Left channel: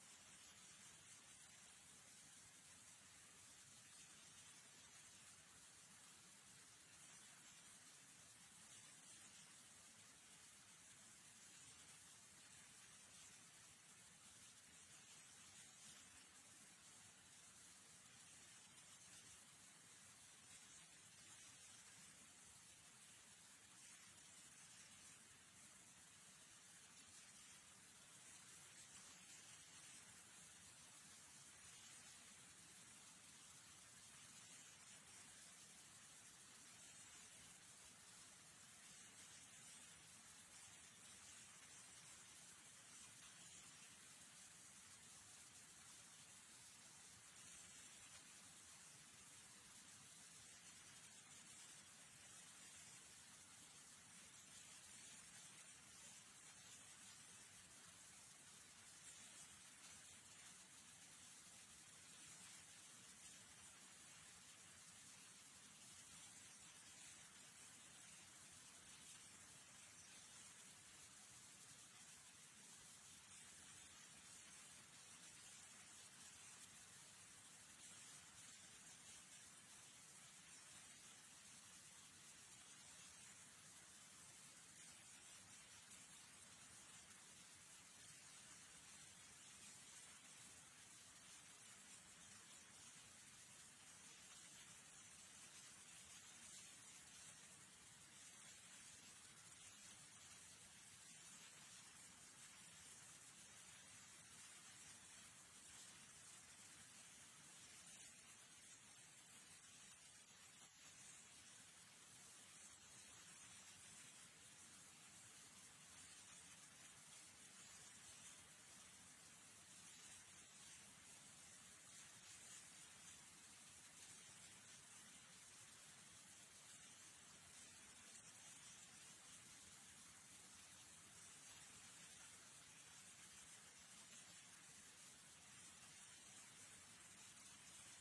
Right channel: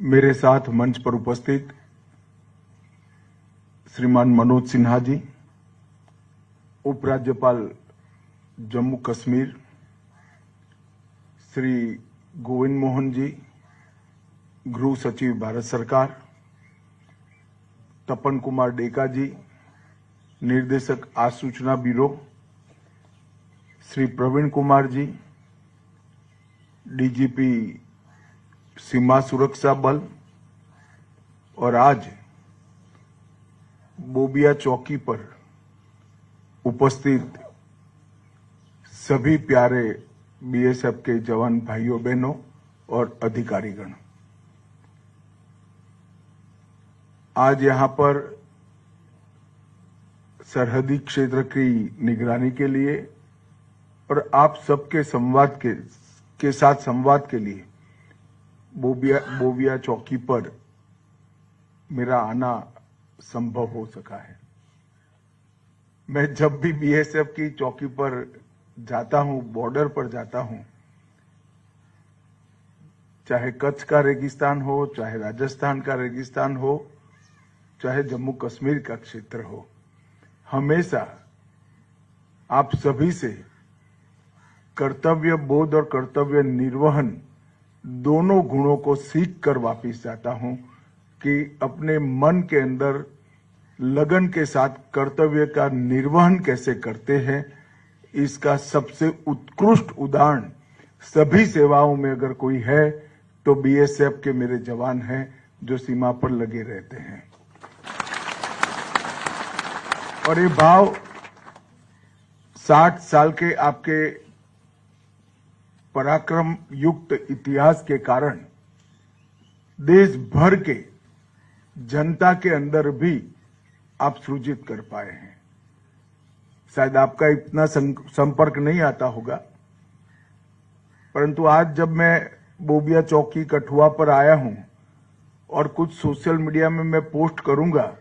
मेरे साथ मंच पर उपस्थित श्रीमान मनोज सिन्हा जी, उपराज्यपाल जम्मू कश्मीर श्री गोविंद मोहन जी, गृह सचिव भारत सरकार, तपन कुमार डेका जी, निर्देशक आसूचना ब्यूरो, श्री प्रवीण कुमार जी, डीजीपी सीमा सुरक्षा बल, और आज बोबिया चौकी पर उपस्थित सभी प्यारे बीएसएफ के जवान भाइयों बहनों और अधिकारीगण, आज यहां पर सरहदी क्षेत्र की निगरानी के लिए और आप सबके संवाद के साथ संवाद के लिए बोबिया चौकी पर मेरा आना संभव हो सका है। मैं जब भी बीएसएफ की चौकी पर जाता हूं, बॉर्डर पर जाता हूं, चाहे कच्छ का रेगिस्तान हो, चाहे राजस्थान का रेगिस्तान हो, चाहे जम्मू कश्मीर का क्षेत्र हो, हमेशा आप सभी से कर्तव्य बोध और कर्तव्य निर्वहन दोनों गुणों को सीख कर वापिस जाता हूं कि अपने मन के अंदर लगन के साथ कर्तव्य का निर्वहन कैसे करते हैं, इसका सबसे उत्कृष्ट उदाहरण सभी सेवाओं में अगर कोई है तो बीएसएफ के मेरे जवान हैं जो सीमा पर लगे रहते हैं। और ये भाव 60 साल के आपके पराक्रम युक्त इतिहास के कारण देश भर के जनता के अंदर भी आप सृजित कर पाए हैं। शायद आपका इतना संपर्क नहीं आता होगा, परंतु आज जब मैं बोबिया चौकी कठुआ पर आया हूं और कुछ सोशल मीडिया में मैं पोस्ट करूंगा,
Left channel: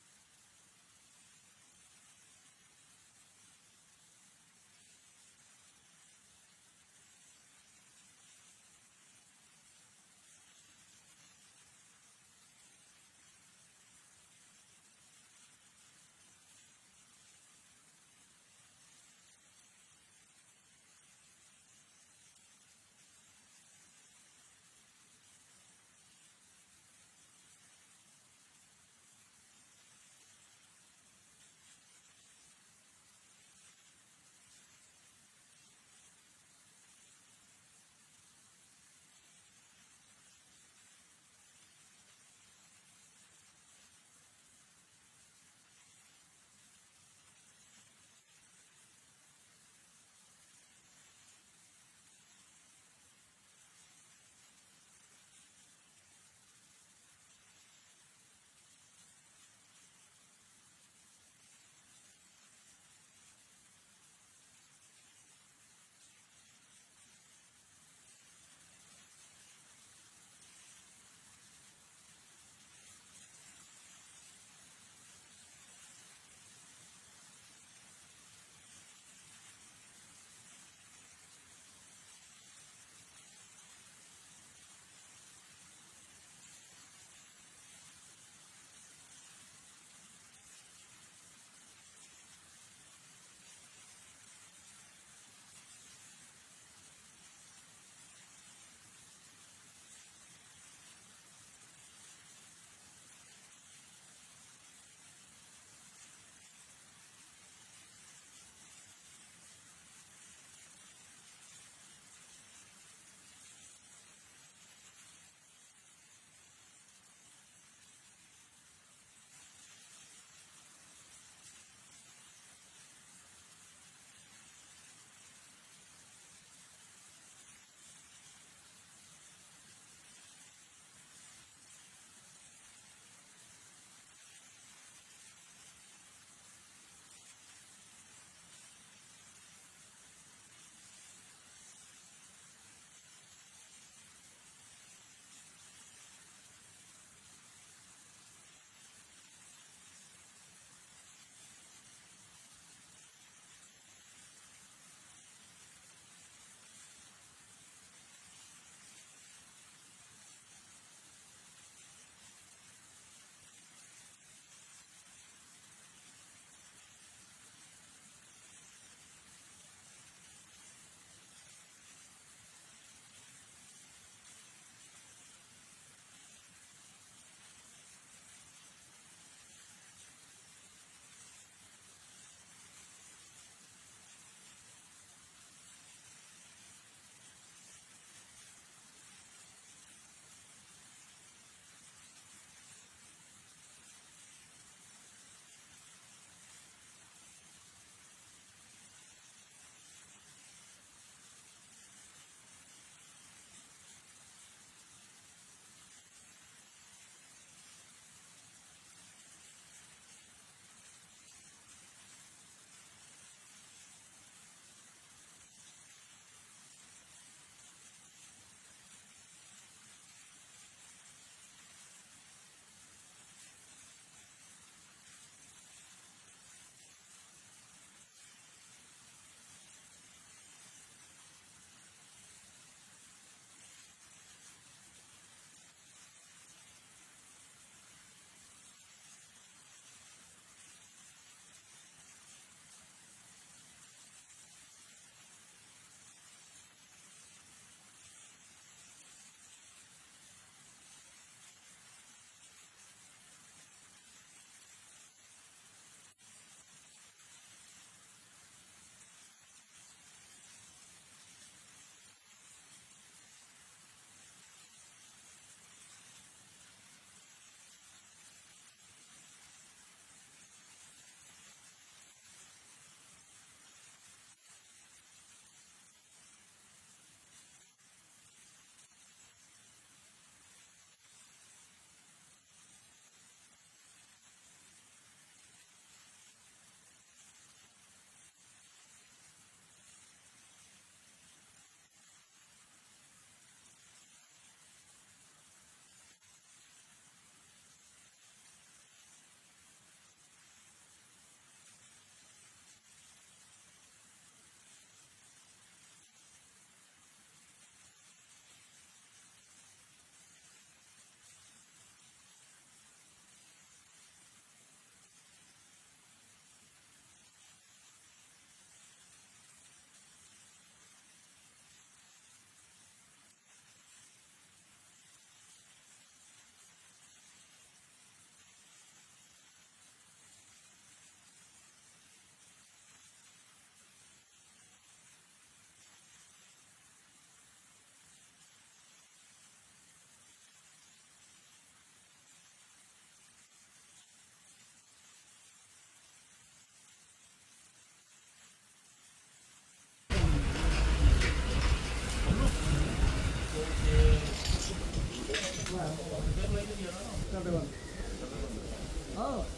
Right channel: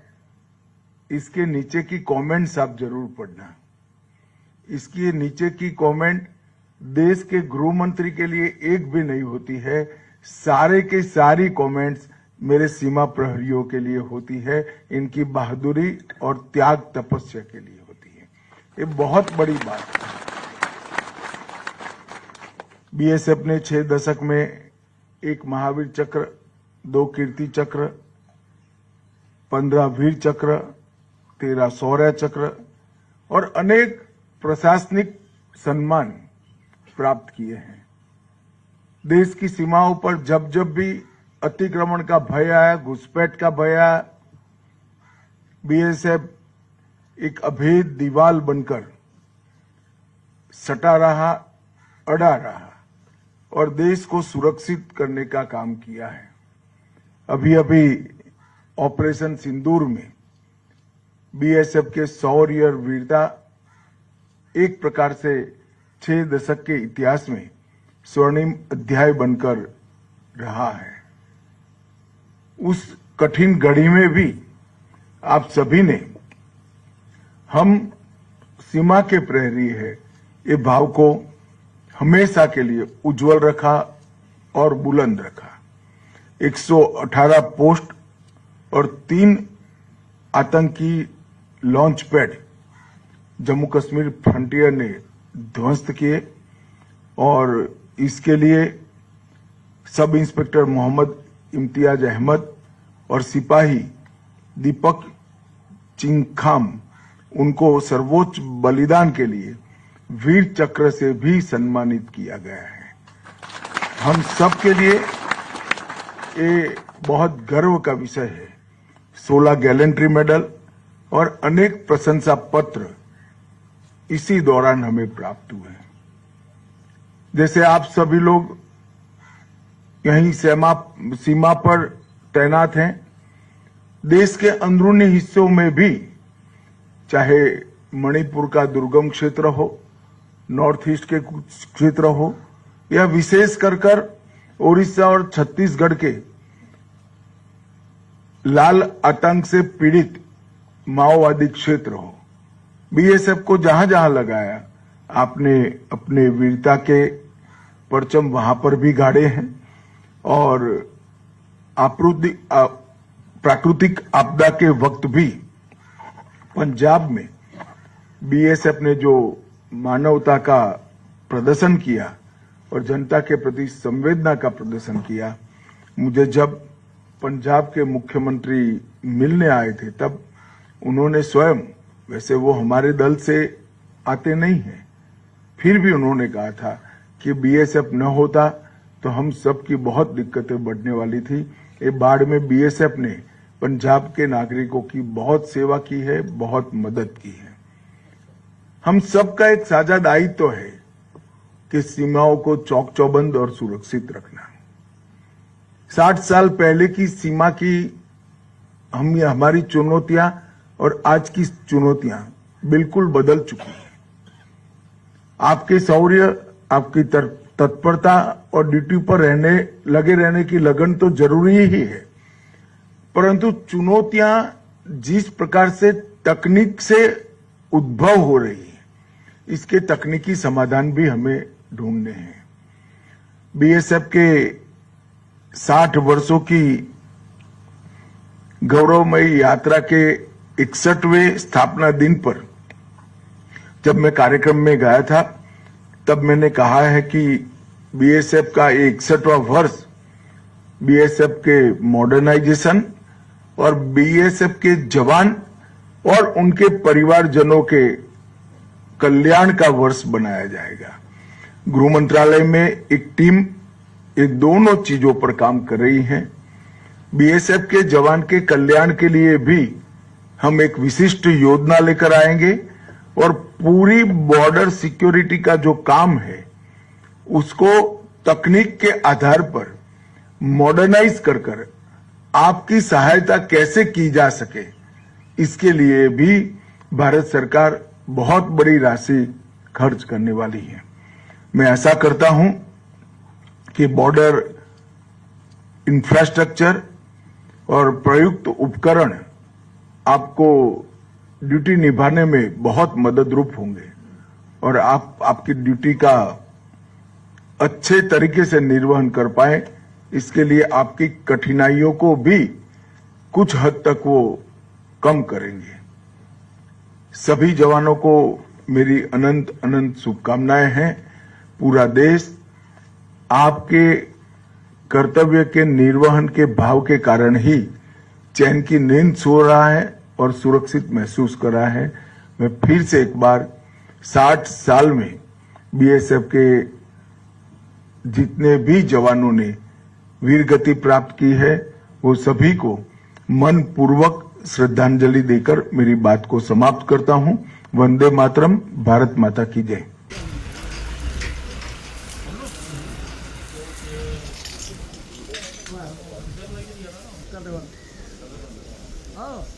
इसके नीचे की कमेंट्स आप जरूर पढ़ना। इसके नीचे की कमेंट देश के गृह मंत्री के लिए एक भी नहीं होती है, सारे के सारी कमेंट्स मेरे सीमा प्रहरियों के लिए होती है, इनकी बहादुरी और त्याग तपस्या के लिए होती है। ये बहुत बड़ी बात है। बीएसएफ ने 6 दशक में 1 महावीर चक्र, 2 कीर्ति चक्र, 15 वीर चक्र, 13 शौर्य चक्र और अनेक प्रशासनिक सम्मान प्राप्त किए हैं। देश की सीमाओं पर जब जब भी अतिक्रमण का भय आया, घुसपैठ का भय आया, बीएसएफ एक अभेद दीवार बनकर सटा रहा, अड़ा रहा और देश को सुरक्षित करने का काम किया है। अभी अभी ऑपरेशन सिंदूर में बीएसएफ के शौर्य और वीरता एक प्रकार से 6 दशक के इतिहास में स्वर्णिम अध्याय बनकर रहा है। उस कठिन घड़ी में भी आप सभी ने हम सीमा के प्रहरी है ये भाव को हमेशा के लिए उज्जवल रखा और बुलंद रखा। 118 पोस्ट और 3 आतंकी launch pad Jammu Kashmir frontier ने ध्वस्त किए और इसके लिए सब इंस्पेक्टर मोहम्मद इम्तियाज अहमद और सिपाही दीपक चिंगखाम, उनको सर्वोच्च बलिदान के लिए वीर चक्र से भी सम्मानित किया गया है। हम सब के लिए ये बहुत गर्व का विषय है। 16 गैलेंट्री मेडल और अनेक प्रशंसा पत्र इसी दौरान हमें प्राप्त हुए। जैसे आप सभी लोग यहीं सीमा पर तैनात हैं, देश के अंदरूनी हिस्सों में भी, चाहे मणिपुर का दुर्गम क्षेत्र हो, नॉर्थ ईस्ट के कुछ क्षेत्र हो, या विशेष कर ओडिशा और छत्तीसगढ़ के लाल आतंक से पीड़ित माओवादी क्षेत्र हो, बीएसएफ को जहां जहां लगाया आपने अपने वीरता के परचम वहां पर भी गाड़े हैं और प्राकृतिक आपदा के वक्त भी पंजाब में बीएसएफ ने जो मानवता का प्रदर्शन किया और जनता के प्रति संवेदना का प्रदर्शन किया, मुझे जब पंजाब के मुख्यमंत्री मिलने आए थे तब उन्होंने स्वयं, वैसे वो हमारे दल से आते नहीं हैं, फिर भी उन्होंने कहा था कि बीएसएफ न होता तो हम सब की बहुत दिक्कतें बढ़ने वाली थी। ये बाढ़ में बीएसएफ ने पंजाब के नागरिकों की बहुत सेवा की है, बहुत मदद की है। हम सबका एक साझा दायित्व है कि सीमाओं को चौक चौबंद और सुरक्षित रखना। 60 साल पहले की सीमा की हमारी चुनौतियां और आज की चुनौतियां बिल्कुल बदल चुकी हैं। आपके शौर्य, आपकी तत्परता और ड्यूटी पर लगे रहने की लगन तो जरूरी ही है, परंतु चुनौतियां जिस प्रकार से तकनीक से उद्भव हो रही है, इसके तकनीकी समाधान भी हमें ढूंढने हैं। बीएसएफ के 60 वर्षों की गौरवमयी यात्रा के 61वें स्थापना दिन पर जब मैं कार्यक्रम में गया था, तब मैंने कहा है कि बीएसएफ का 61वां वर्ष बीएसएफ के मॉडर्नाइजेशन और बीएसएफ के जवान और उनके परिवारजनों के कल्याण का वर्ष बनाया जाएगा। गृह मंत्रालय में एक टीम ये दोनों चीजों पर काम कर रही है। बीएसएफ के जवान के कल्याण के लिए भी हम एक विशिष्ट योजना लेकर आएंगे और पूरी बॉर्डर सिक्योरिटी का जो काम है उसको तकनीक के आधार पर मॉडर्नाइज कर आपकी सहायता कैसे की जा सके, इसके लिए भी भारत सरकार बहुत बड़ी राशि खर्च करने वाली है। मैं ऐसा करता हूं कि बॉर्डर इंफ्रास्ट्रक्चर और प्रयुक्त उपकरण आपको ड्यूटी निभाने में बहुत मददरूप होंगे और आप आपकी ड्यूटी का अच्छे तरीके से निर्वहन कर पाए, इसके लिए आपकी कठिनाइयों को भी कुछ हद तक वो कम करेंगे। सभी जवानों को मेरी अनंत अनंत शुभकामनाएं हैं। पूरा देश आपके कर्तव्य के निर्वहन के भाव के कारण ही चैन की नींद सो रहा है और सुरक्षित महसूस कर रहा है। मैं फिर से एक बार 60 साल में बीएसएफ के जितने भी जवानों ने वीरगति प्राप्त की है, वो सभी को मन पूर्वक श्रद्धांजलि देकर मेरी बात को समाप्त करता हूं। वंदे मातरम। भारत माता की जय। Oh.